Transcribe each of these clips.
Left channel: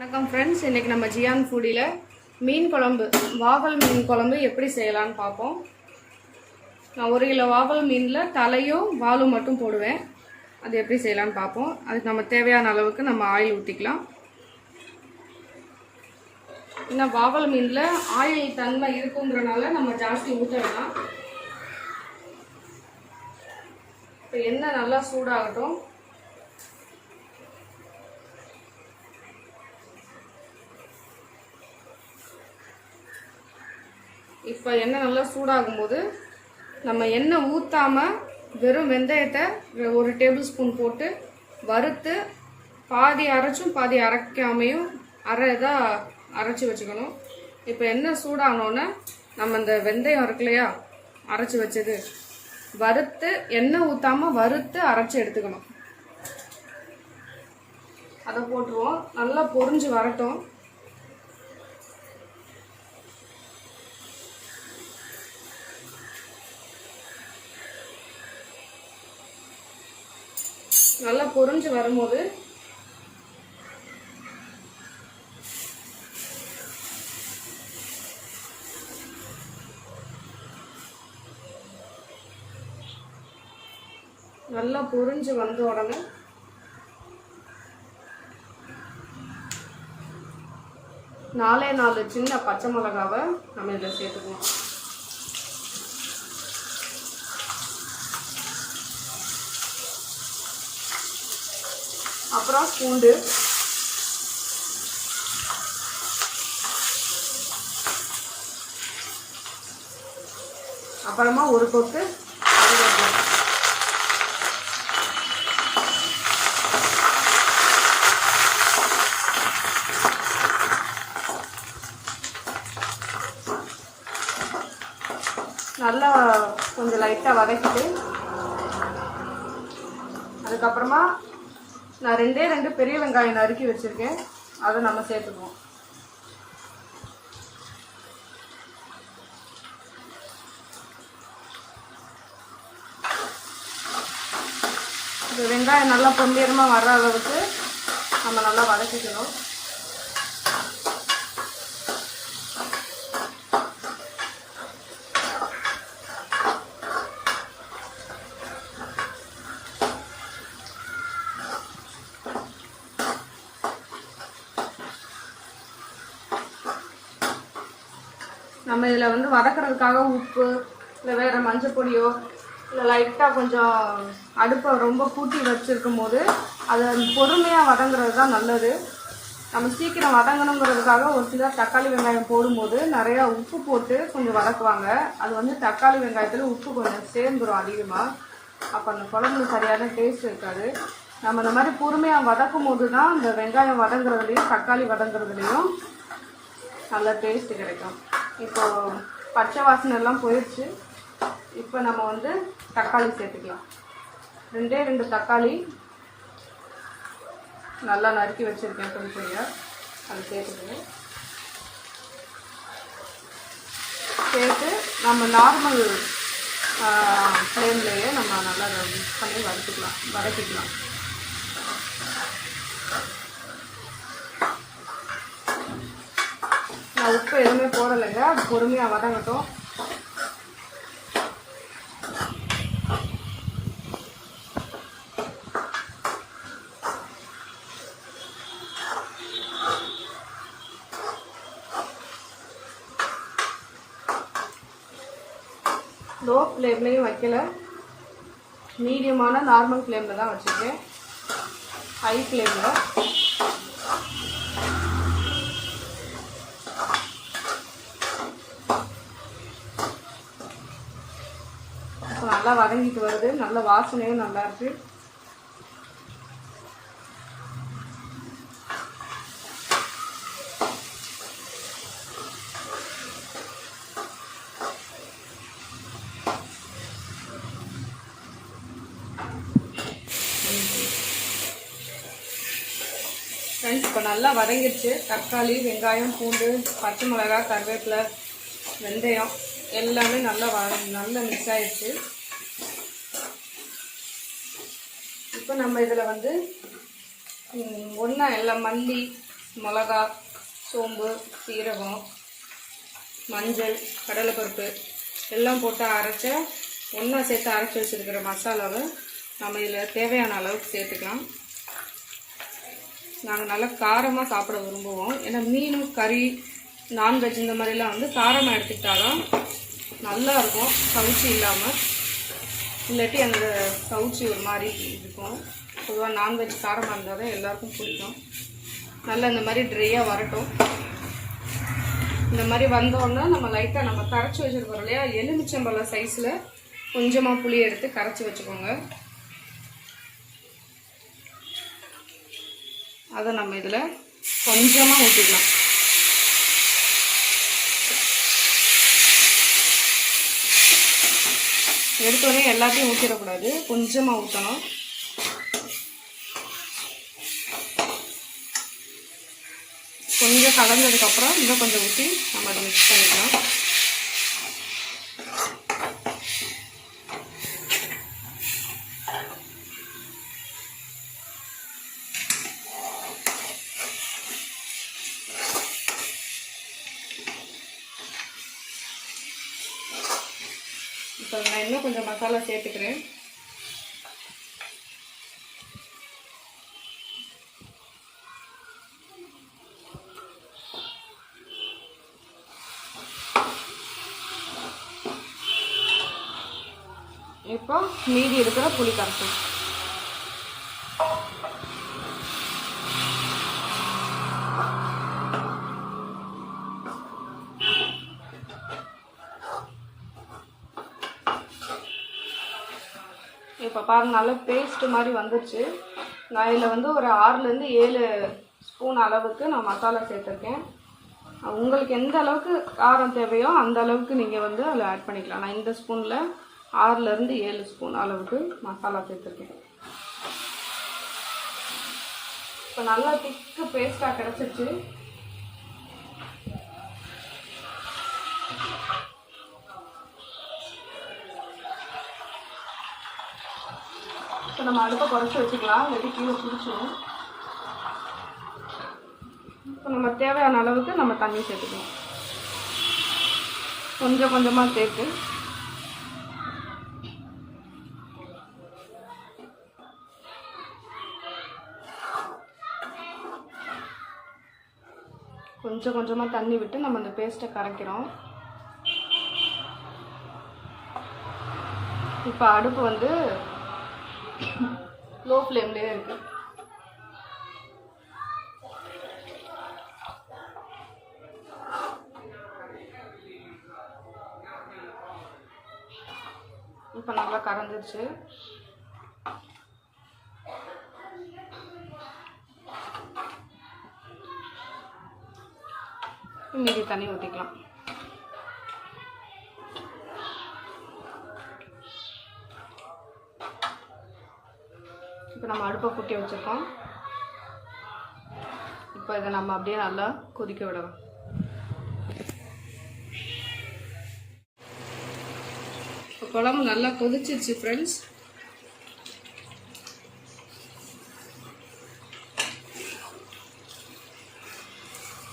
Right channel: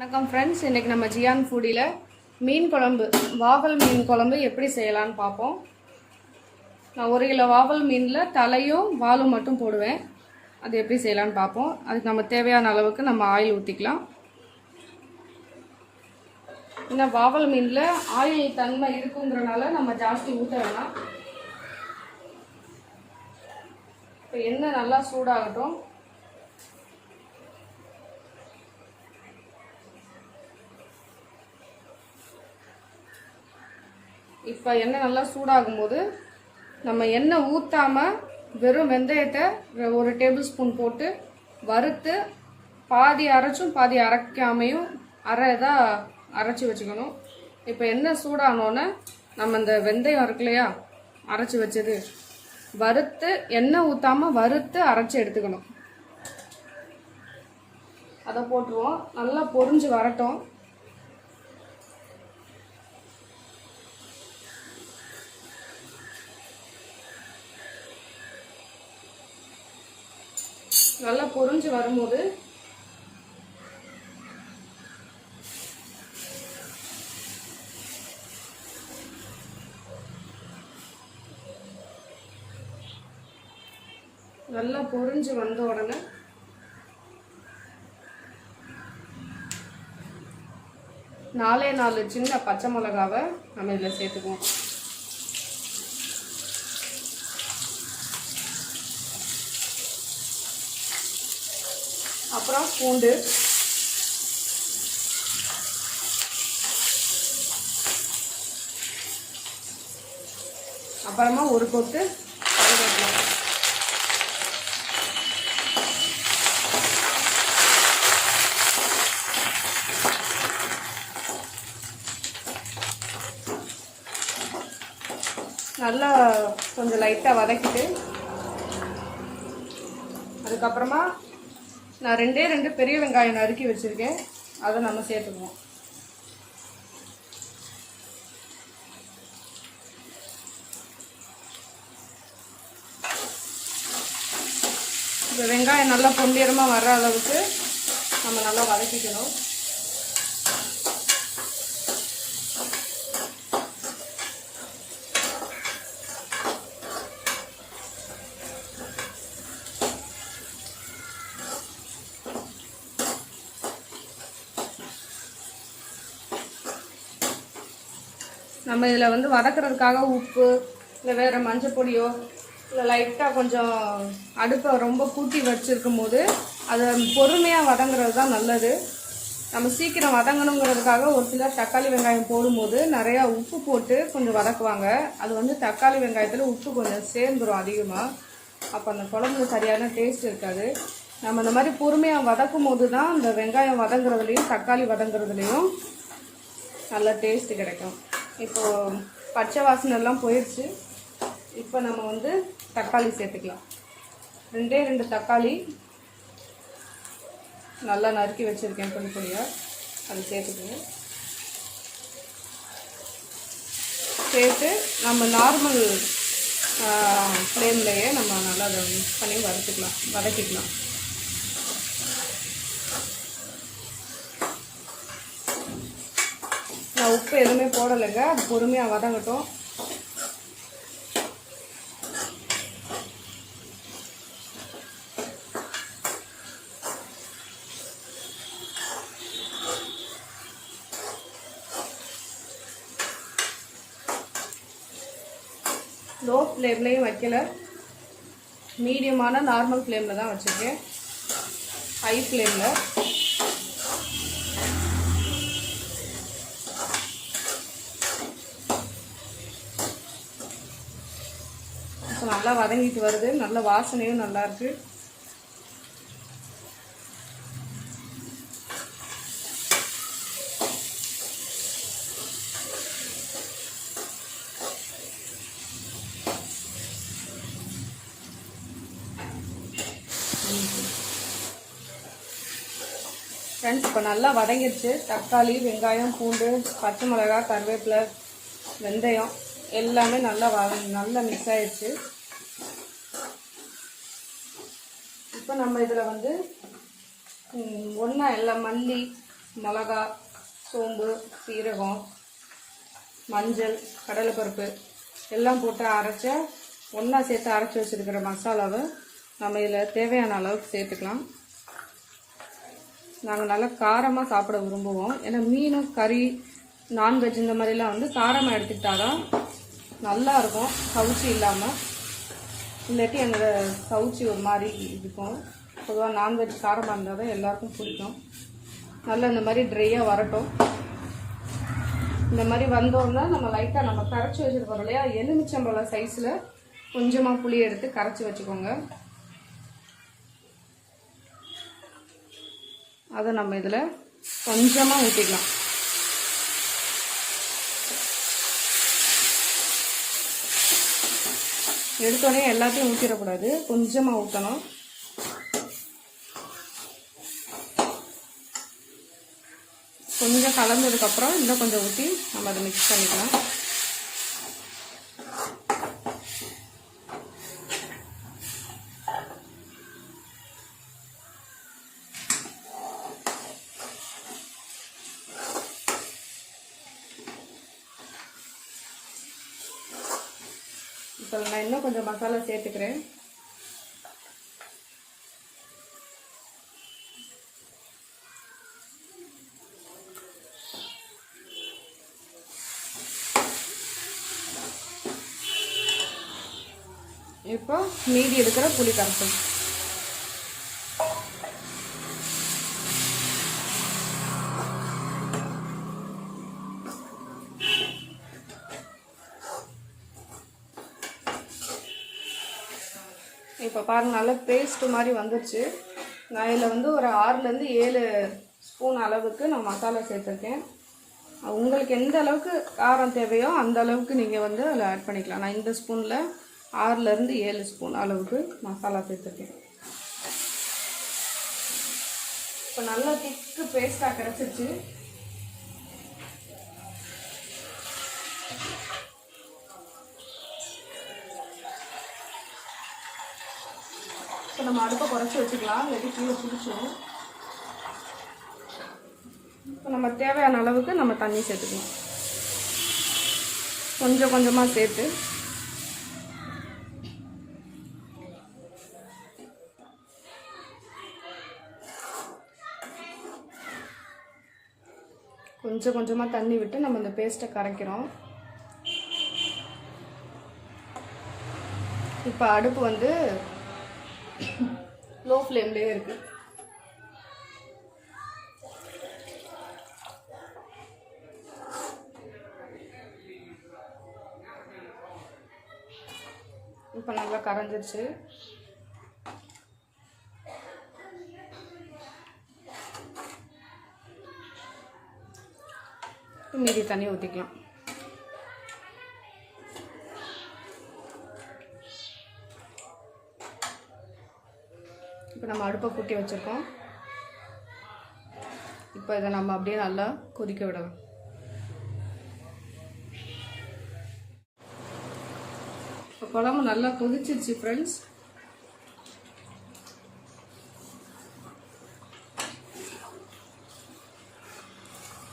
வணக்கம் ஃப்ரெண்ட்ஸ், இன்றைக்கி நம்ம ஜியான் ஃபுடியில் மீன் குழம்பு, வாவல் மீன் குழம்பு எப்படி செய்யலான்னு பார்ப்போம். நான் 1 கிலோ வாவல் மீனில் தலையும் வாலும் மட்டும் போடுவேன். அது எப்படி செய்யலான்னு பார்ப்போம். அதுக்கு நம்ம தேவையான அளவுக்கு நம்ம ஆயில் ஊற்றிக்கலாம். இன்னும் வாவல் மீனில் ஆயில் தன்மை இருக்குங்கிறனால நம்ம ஜாஸ்தி ஊற்ற வேணாம். இப்போ எண்ணெய் நல்லா சூடாகட்டும். இப்போ எண்ணெய் நல்லா சூடாகும் போது நம்ம எண்ணெய் ஊற்றாமல் வெறும் வெந்தயத்தை 1 டேபிள் ஸ்பூன் போட்டு வறுத்து பாதி அரைச்சும் பாதி அரைக்காமையும் இதாக அரைச்சி வச்சுக்கணும். இப்போ எண்ணெய் சூடானோன்னே நம்ம இந்த வெந்தயம் இருக்கு இல்லையா, அரைச்சி வச்சது வறுத்து எண்ணெய் ஊற்றாமல் வறுத்து அரைச்சி எடுத்துக்கணும். அதை போட்டுருவோம். நல்லா பொரிஞ்சு வரட்டும். நல்லா பொரிஞ்சு வரும்போது நல்லா பொரிஞ்சு வந்த உடனே நாலே 4 சின்ன பச்சை மிளகாவை நம்ம இதில் சேர்த்துக்குவோம். அப்புறம் பூண்டு, அப்புறமா 1 கொத்து கருவேப்பிலை, நல்லா கொஞ்சம் லைட்டாக வதக்கிட்டு அதுக்கப்புறமா நான் 2 பெரிய வெங்காயம் நறுக்கி வச்சுருக்கேன். அதை நம்ம சேர்த்துக்குவோம். இந்த வெங்காயம் நல்லா பொன்னிறமாக வர்ற அளவுக்கு நம்ம நல்லா வதக்கிக்கணும். நம்ம இதில் வந்து வதக்கிறதுக்காக உப்பு இல்லை வேறு மஞ்சள் பொடியோ இல்லை லைட்டாக கொஞ்சம் அடுப்பை ரொம்ப கூட்டி வச்சுருக்கும் போது அது பொறுமையாக வதங்குறது தான் நல்லது. நம்ம சீக்கிரம் வதங்கணுங்கிறதுக்காக ஒரு சிலர் தக்காளி வெங்காயம் போடும்போது நிறையா உப்பு போட்டு கொஞ்சம் வதக்குவாங்க. அது வந்து தக்காளி வெங்காயத்தில் உப்பு கொஞ்சம் சேர்ந்துடும் அதிகமாக. அப்போ அந்த குழம்பு சரியான டேஸ்ட் இருக்காது. நம்ம இந்த மாதிரி பொறுமையாக வதக்கும் போது தான் இந்த வெங்காயம் வதங்குறதுலையும் தக்காளி வதங்குறதுலையும் நல்ல டேஸ்ட்டு கிடைக்கும். இப்போது பச்சை வாசனை எல்லாம் போயிடுச்சு. இப்போ நம்ம வந்து தக்காளி சேர்த்துக்கலாம். 2 தக்காளி நல்லா நறுக்கி வச்சுருக்கேன் கொஞ்சம். அது சேர்த்துக்கணும். சேர்த்து நம்ம நார்மல் ஃப்ளேம்லேயே நம்ம நல்லா மிக்ஸ் பண்ணி வதக்கிக்கலாம். நான் உப்பு எதுவுமே போடலைங்க. அது பொறுமையாக வதங்கட்டும். லோ ஃப்ளேம்லேயும் வைக்கல, மீடியமான நார்மல் ஃப்ளேமில் தான் வச்சுருக்கேன். ஹை ஃப்ளேமில் நல்லா வதங்கிட்டு வருது. நல்ல வாசனையும் நல்லா இருக்கு. ஃப்ரெண்ட்ஸ், இப்போ நல்லா வதங்கிடுச்சு. தக்காளி, வெங்காயம், பூண்டு, பச்சை மிளகாய், கருவேப்பிலை, வெந்தயம் எல்லாமே நல்லா மிக்ஸ் ஆயிடுச்சு. இப்போ நம்ம இதில் வந்து ஒன்றா எல்லாம் மல்லி, மிளகா, சோம்பு, சீரகம், மஞ்சள், கடலைப்பருப்பு எல்லாம் போட்டு ஒன்றா சேர்த்து அரைச்சி வச்சுருக்கிற மசாலாவை நம்ம இதில் தேவையான அளவுக்கு சேர்த்துக்கலாம். நாங்கள் நல்லா காரமாக சாப்பிட விரும்புவோம். ஏன்னா மீனும் கறி நான்வெஜ் இந்த மாதிரிலாம் வந்து காரமாக எடுத்துக்கிட்டாலும் நல்லாயிருக்கும், கவுச்சி இல்லாமல். இல்லாட்டி அந்த கவுச்சி ஒரு மாதிரி இருக்கும். பொதுவாக நான்வெஜ் காரமாக இருந்தால் தான் எல்லாருக்கும் பிடிக்கும். நல்லா இந்த மாதிரி ட்ரையாக வரட்டும். இந்த மாதிரி வந்தோன்னா நம்ம லைட்டாக நம்ம கரைச்சி வச்சுருக்கோம் இல்லையா, எலுமிச்சம்பழம் சைஸில் கொஞ்சமாக புளி எடுத்து கரைச்சி வச்சுக்கோங்க. அதை நம்ம இதில் கொஞ்சமாக ஊற்றிக்கலாம். எடுத்தோடனே எல்லாத்தையும் ஊற்றிடக்கூடாது, கொஞ்சமாக ஊற்றணும். கொஞ்சம் கலந்ததுக்கப்புறம் இன்னும் கொஞ்சம் ஊற்றி நம்ம அதை மிக்ஸ் பண்ணிக்கலாம். இப்போ நான் இன்னும் கொஞ்சம் மசாலா சேர்த்துக்கிறேன். இப்போ மீதி இருக்கிற புளி கரைசல் இப்போ பாருங்கள், நல்ல பேஸ்ட்டு மாதிரி வந்துடுச்சு. நான் இதில் வந்து ஒரு 6லேருந்து 7 ஸ்பூன் அளவுக்கு நான் மசாலா சேர்த்துருக்கேன். உங்களுக்கு எந்த அளவுக்கு காரம் தேவையோ அந்த அளவுக்கு நீங்கள் வந்து அதில் ஆட் பண்ணிக்கலாம். நான் இந்த ஸ்பூனில் 6லேருந்து 7 ஸ்பூன் அளவுக்கு மசாலா சேர்த்துருக்கேன். இப்போ நல்லா திக்கு பேஸ்ட்டாக கிடச்சிருச்சு. இப்போ நம்ம அடுப்பை குறைச்சி வச்சுக்கலாம், இல்லாட்டி கீழே பிடிச்சிடும். இப்போ நம்ம தேவையான அளவுக்கு நம்ம தண்ணி சேர்த்துக்கணும். கொஞ்சம் கொஞ்சமாக சேர்த்து கொஞ்சம் கொஞ்சமாக தண்ணி விட்டு நம்ம இந்த பேஸ்ட்டை கரைக்கிறோம். இப்போ அடுப்பு வந்து லோ ஃப்ளேம்லேயே இருக்குது. இப்போ நல்லா கரைஞ்சிருச்சு. மீதி தண்ணி ஊற்றிக்கலாம். இப்போ நம்ம அடுப்பை கூட்டி வச்சுருக்கோம். இப்போ இதை நம்ம அப்படியே நல்லா கொதிக்க விடலாம். இப்போ குழம்பு நல்லா கொதிச்சிருச்சு ஃப்ரெண்ட்ஸ்.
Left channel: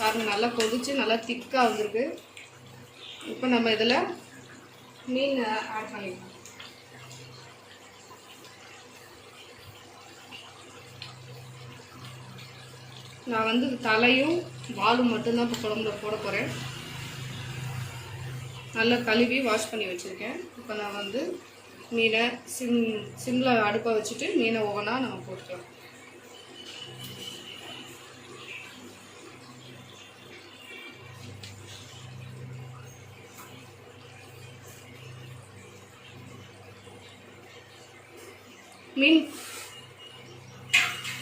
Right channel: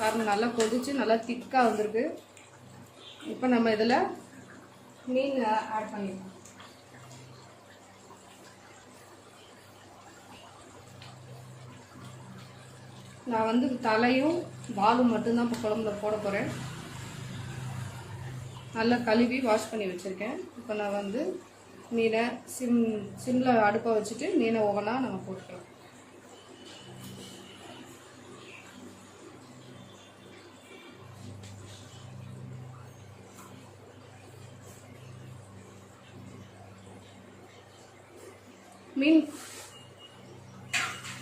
பாருங்கள், நல்லா கொதிச்சு நல்லா திக்காக வந்திருக்கு. இப்போ நம்ம இதில் மீன் ஆட் பண்ணிக்கலாம். நான் வந்து தலையும் வாலும் மட்டும்தான் இப்போ குழம்புல போட போகிறேன். நல்லா கழுவி வாஷ் பண்ணி வச்சுருக்கேன். இப்போ நான் வந்து மீனை சிம்மில் அடுப்பை வச்சுட்டு மீனை ஒவ்வொன்றா நம்ம போட்டுக்கலாம்.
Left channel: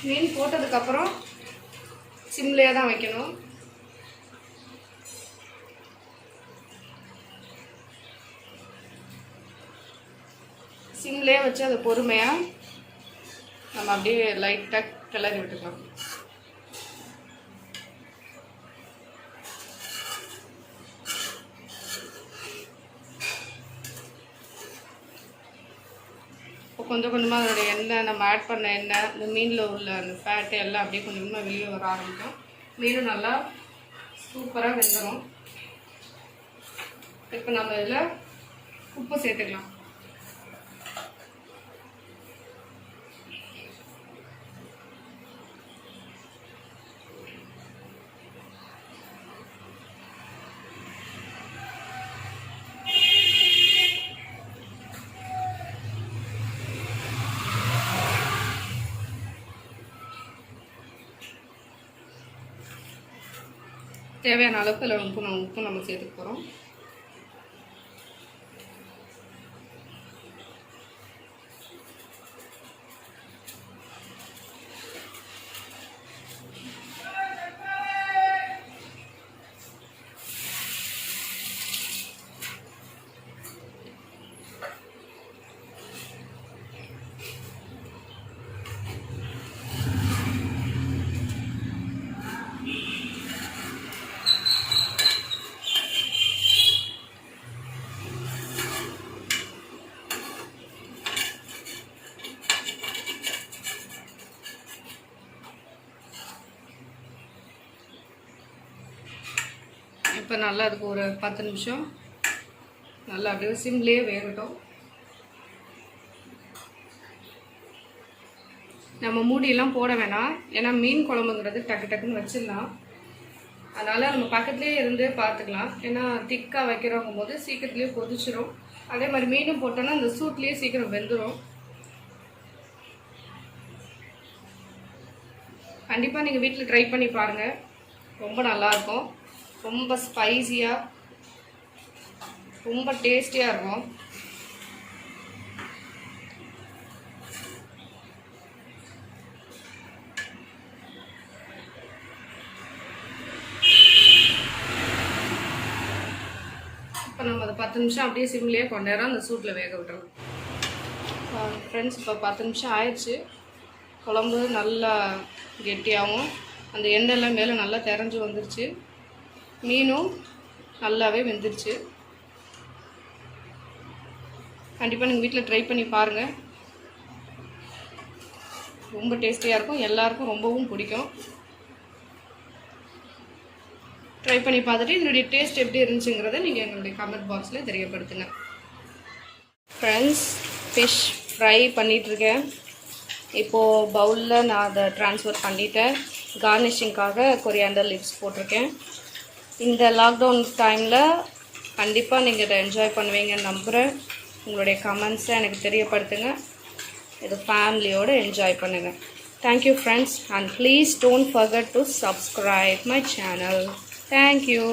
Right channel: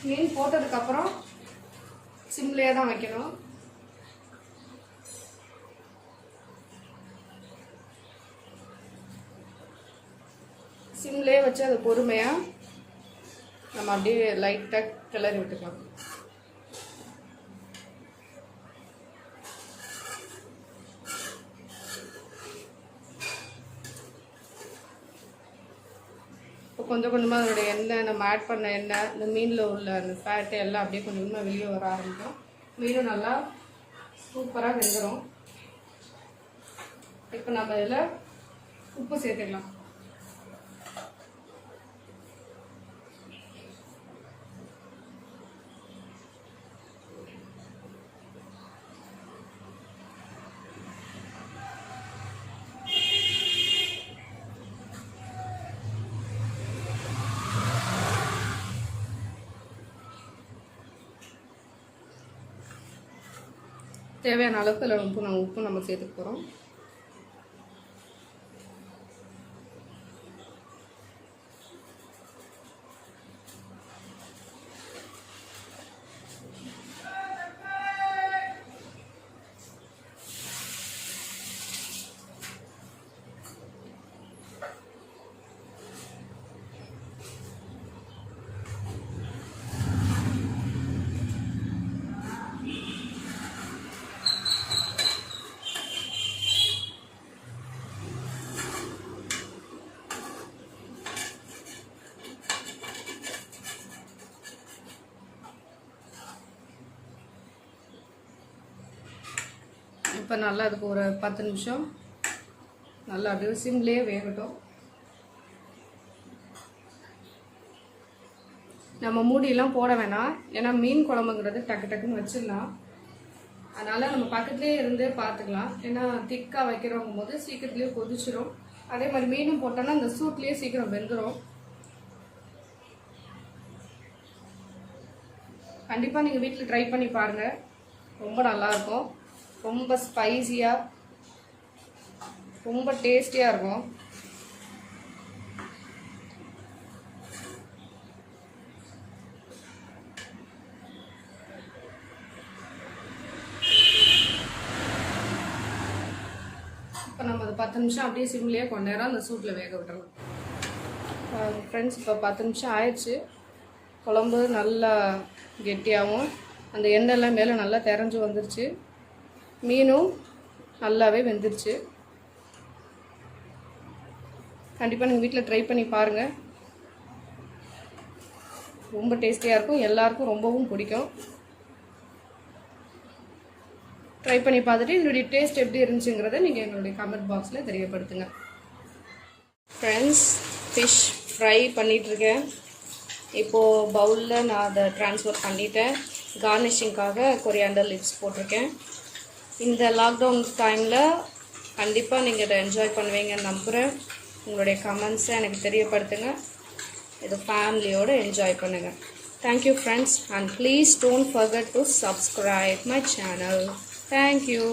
மீன் போட்டதுக்கப்புறம் சிம்லேயே தான் வைக்கணும். சிம்லேயே வச்சு அதை பொறுமையாக நம்ம அப்படியே லைட்டாக கிளறி விட்டுக்கலாம். இப்போ கொஞ்சம் கொஞ்சமாக அதோடய எண்ணெய், நம்ம ஆட் பண்ண எண்ணெய், இந்த மீனில் உள்ள அந்த ஃபேட்டு எல்லாம் அப்படியே கொஞ்சம் கொஞ்சமாக வெளியே வர ஆரம்பிக்கும். மீனும் நல்லா சூப்பராக வெந்துடும். இப்போ நம்ம இதில் உப்பு சேர்த்துக்கலாம். தேவையான அளவுக்கு அதில் உப்பு நம்ம சேர்த்துக்க போகிறோம். இப்போ நல்லா அதுக்கு ஒரு 10 நிமிஷம் நல்லா அப்படியே சிம்லேயே வேகட்டும். நம்ம மூடியெல்லாம் போட வேணாம், ஏன்னா மீன் குழம்புங்கிறது டக்கு டக்குன்னு வச்சிடலாம். அதனால் நம்ம பக்கத்துலேயே இருந்தே பார்த்துக்கலாம். ஏன்னா திக்காக வைக்கிறவங்க போது சீக்கிரத்துலேயே கொதிச்சிடும். அதே மாதிரி மீனும் போட்டோன்னா அந்த சூட்லேயே சீக்கிரம் வெந்துடும். கண்டிப்பாக நீங்கள் வீட்டில் ட்ரை பண்ணி பாருங்கள், ரொம்ப நல்லாயிருக்கும். ரொம்ப ஸ்பைசியாக ரொம்ப டேஸ்டியாக இருக்கும். இப்போ நம்ம அதை 10 நிமிஷம் அப்படியே சிம்லேயே கொஞ்ச நேரம் அந்த சூட்டில் வேக விட்டுறோம். ஃப்ரெண்ட்ஸ், இப்போ 10 நிமிஷம் ஆயிடுச்சு. குழம்பு நல்லா கெட்டியாகவும் அந்த எண்ணெய்லாம் மேலே நல்லா தெரிஞ்சு வந்துருச்சு. மீனும் நல்லாவே வெந்துருச்சு. கண்டிப்பாக நீங்கள் வீட்டில் ட்ரை பண்ணி பாருங்கள், ரொம்ப டேஸ்டியாக இருக்கும். எல்லாருக்கும் ரொம்பவும் பிடிக்கும். ட்ரை பண்ணி பார்த்துட்டு என்னுடைய டேஸ்ட் எப்படி இருந்துச்சுங்கிறத நீங்கள் எங்களுடைய கமெண்ட் பாக்ஸில் தெரியப்படுத்துங்க. ஃப்ரெண்ட்ஸ், ஃபிஷ் ஃப்ரை பண்ணிகிட்ருக்கேன். இப்போது பவுலில் நான் அதை ட்ரான்ஸ்ஃபர் பண்ணிவிட்டேன். கார்னிஷிங்காக கொரியாண்டர் லீவ்ஸ் போட்டிருக்கேன். இந்த லாக்டவுன் டைமில் கண்டிப்பாக நீங்கள் இதை என்ஜாய் பண்ணுவீங்கன்னு நம்புகிறேன். உங்களுடைய கமெண்ட்ஸை எனக்கு தெரியப்படுத்துங்க. இது ஃபேமிலியோடு என்ஜாய் பண்ணுங்கள். Thank you friends, and please don't forget to subscribe my channel. Thank you.